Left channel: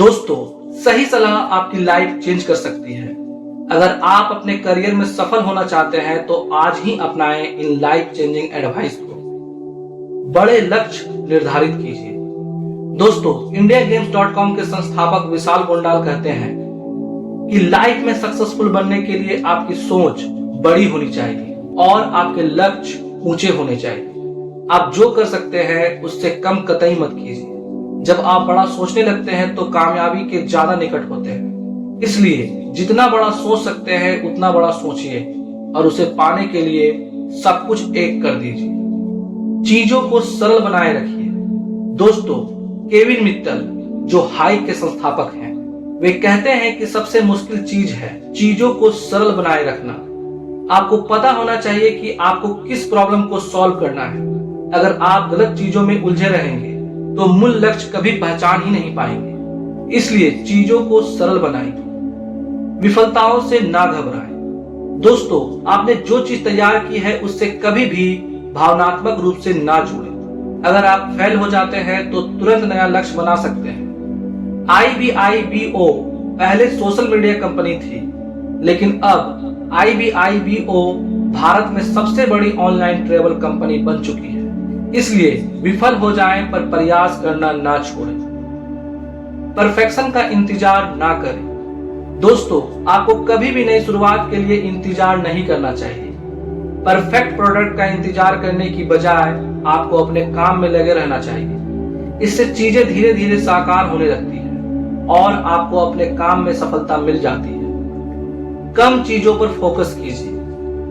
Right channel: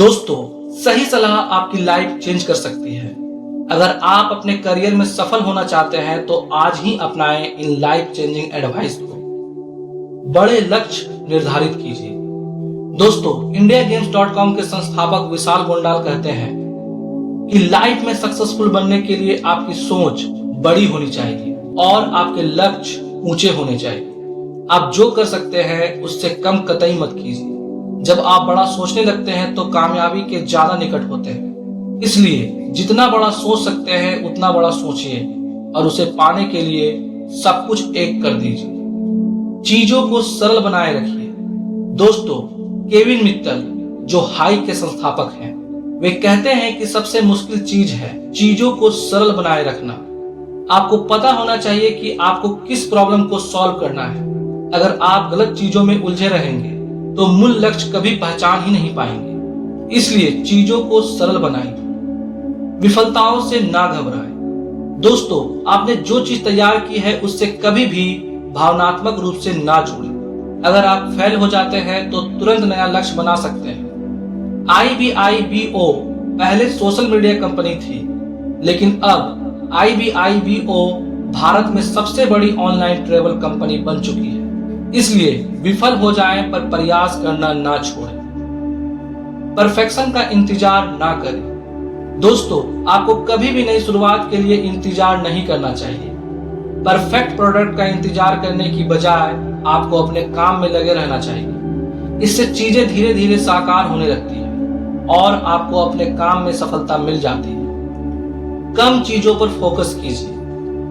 दोस्तों, सही सलाह आपकी लाइफ चेंज कर सकती है। अगर आप अपने करियर में सफल होना चाहते हैं तो आज ही अपनाएं इन लाइफ चेंजिंग एडवाइस को। बड़े लक्ष्य निर्धारित कीजिए। दोस्तों, indiagame.com के संस्थापक विशाल गोंडाल कहते हैं कि लाइफ में सक्सेसफुल बनने के लिए आपकी सोच बड़ी होनी चाहिए और आपके लक्ष्य ऊंचे होने चाहिए। आप जो कर सकते हैं उससे कम कतई मत कीजिए। जब आप बड़ा सोचने लगते हैं तो कामयाबी के ज्यादा निकट होते हैं। इसलिए जितना बड़ा सोच सकते हैं उतना बड़ा सोचिए और उसे पाने के लिए सब कुछ एक कर दीजिए। चीजों को सरल बनाए रखिए। दोस्तों, केविन मित्तल जो हाई के संस्थापक हैं, वे कहते हैं कि सबसे मुश्किल चीज है चीजों को सरल बनाए रखना। आपको पता होना चाहिए कि आपको किस प्रॉब्लम को सॉल्व करना है। अगर आप गलत चीजों में उलझे रहेंगे तो मूल लक्ष्य कभी पहचान ही नहीं पाएंगे। इसलिए चीजों को सरल बनाइए। विफलताओं से ना घबराएं। दोस्तों, आपने जो चीज तैयार की है उससे कभी भी भावनात्मक रूप से ना जुड़ें। अगर आप फेल हो जाते हैं तो तुरंत नया लक्ष्य बना सकते हैं। IBIBO पहले सोशल मीडिया कंपनी थी, लेकिन अब IBIBO भारत में सबसे बड़ी ऑनलाइन ट्रेवल कंपनी बन चुकी है। इसलिए विफल हो जाए पर प्रयास करना ना छोड़ें। परफेक्शन का इंतजार ना करें। दोस्तों, आपको कभी भी नई शुरुआत के लिए इंतजार नहीं करना चाहिए। परफेक्ट प्रोडक्ट का इंतजार करने की बजाय आपको अपने काम में लगे रहना चाहिए। इससे चीजें धीरे धीरे साकार होने लगती है और आपको अपने काम में सफलता मिल जाती है। कम चीजों पर फोकस कीजिए।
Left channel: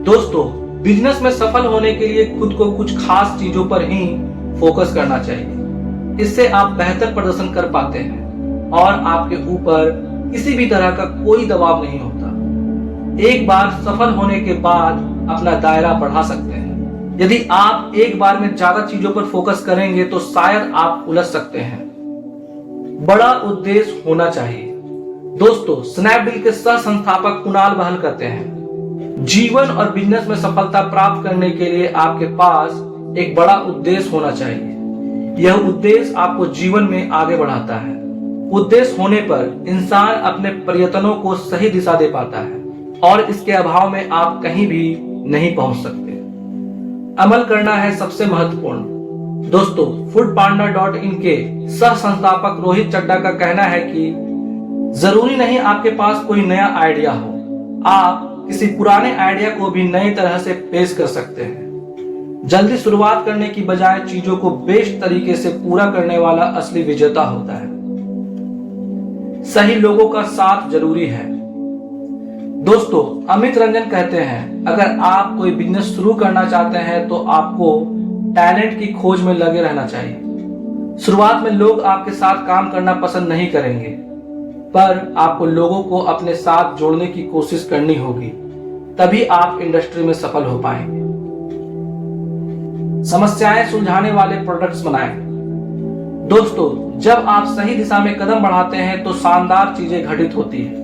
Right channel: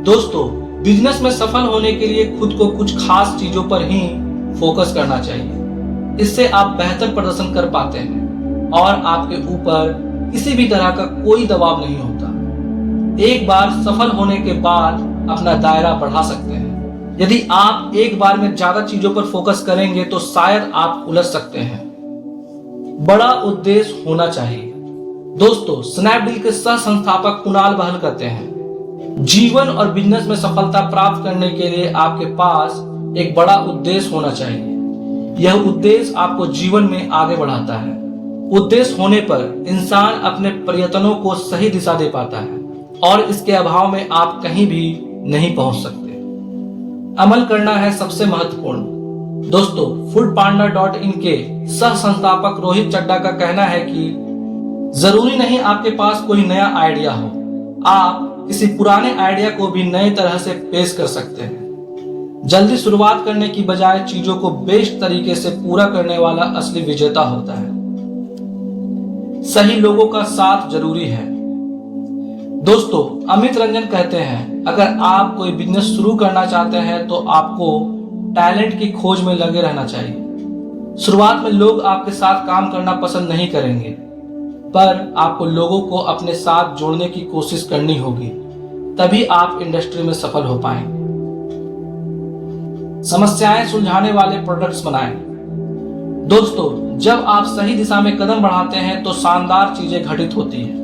दोस्तों, बिजनेस में सफल होने के लिए खुद को कुछ खास चीजों पर ही फोकस करना चाहिए। इससे आप बेहतर प्रदर्शन कर पाते हैं और आपके ऊपर किसी भी तरह का कोई दबाव नहीं होता। एक बार सफल होने के बाद अपना दायरा बढ़ा सकते हैं। यदि आप एक बार में ज्यादा चीजों पर फोकस करेंगे तो शायद आप उलझ सकते हैं। बड़ा उद्देश्य होना चाहिए। दोस्तों, स्नैपडील के सह संस्थापक कुणाल बहल कहते हैं, जीवन और बिजनेस में सफलता प्राप्त करने के लिए आपके पास एक बड़ा उद्देश्य होना चाहिए। यह उद्देश्य आपको जीवन में आगे बढ़ाता है। उद्देश्य होने पर इंसान अपने प्रयत्नों को सही दिशा दे पाता है और इसके अभाव में आप कहीं भी नहीं पहुंच सकते। अमल करना है सबसे महत्वपूर्ण। दोस्तों, foodpanda.in के सह संस्थापक रोहित चड्डा का कहना है कि जरूरी नहीं आपके पास कोई नया आइडिया हो, आप किसी पुराने आइडिया को भी नई तरह से पेश कर सकते हैं। जल्दी शुरुआत करने की बजाय चीजों को बेस्ट तरीके से पूरा करने वाला असली विजेता होता है। सही लोगों का साथ जरूरी है। दोस्तों, अमित रंजन कहते हैं, अगर आप कोई बिजनेस शुरू करना चाहते हैं तो आपको टैलेंट की खोज में लगे रहना चाहिए। शुरुआत में लोग आपके साथ काम करना पसंद नहीं करेंगे, पर आपको लोगों को अपने साथ जोड़ने की कोशिश करनी होगी, तभी आप इंडस्ट्री में सफल हो पाएंगे। समस्याएं सुलझाने वाले प्रोडक्ट्स बनाएं। दोस्तों, जब आप सही दिशा में कदम बढ़ाते हैं तो शानदार चीजें घटित होती हैं।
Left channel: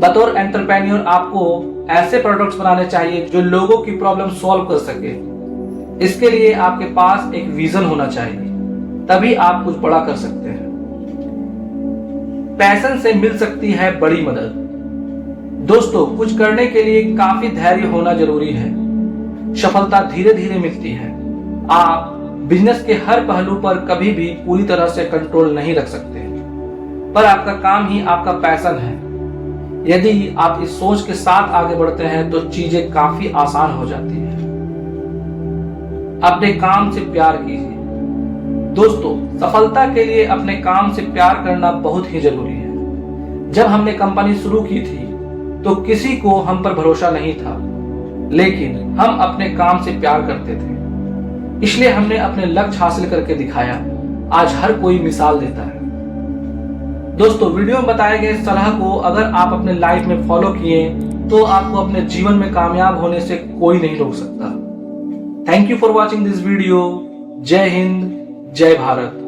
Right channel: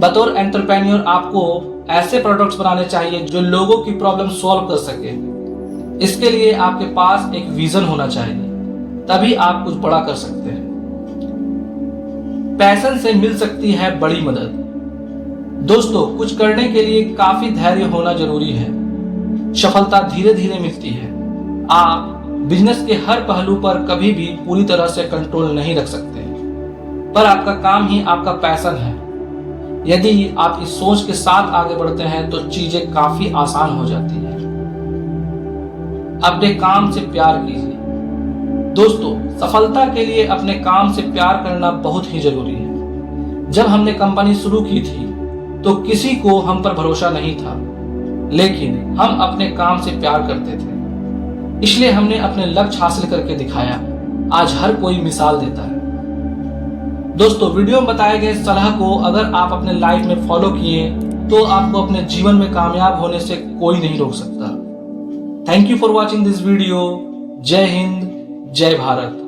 बतौर एंटरप्रेन्योर आपको ऐसे प्रोडक्ट्स बनाने चाहिए जो लोगों की प्रॉब्लम सॉल्व कर सके। इसके लिए आपके पास एक विजन होना चाहिए, तभी आप कुछ बड़ा कर सकते हैं। पैशन से मिल सकती है बड़ी मदद। दोस्तों, कुछ करने के लिए काफी धैर्य होना जरूरी है। सफलता धीरे धीरे मिलती है। आप बिजनेस के हर पहलू पर कभी भी पूरी तरह से कंट्रोल नहीं रख सकते, पर आपका काम ही आपका पैशन है। यदि आप इस सोच के साथ आगे बढ़ते हैं तो चीजें काफी आसान हो जाती हैं। अपने काम से प्यार कीजिए। दोस्तों, सफलता के लिए अपने काम से प्यार करना बहुत ही जरूरी है। जब हमने कंपनी शुरू की थी तो किसी को हम पर भरोसा नहीं था, लेकिन हम अपने काम से प्यार करते थे। इसलिए हमने अपने लक्ष्य हासिल करके दिखाया। आज हर कोई मिसाल देता है। दोस्तों, वीडियो में बताए गए सलाह को अगर आप अपने लाइफ में फॉलो किए तो आपको अपने जीवन में कामयाब होने से कोई नहीं रोक सकता। Thank you for watching this video. जय हिंद, जय भारत।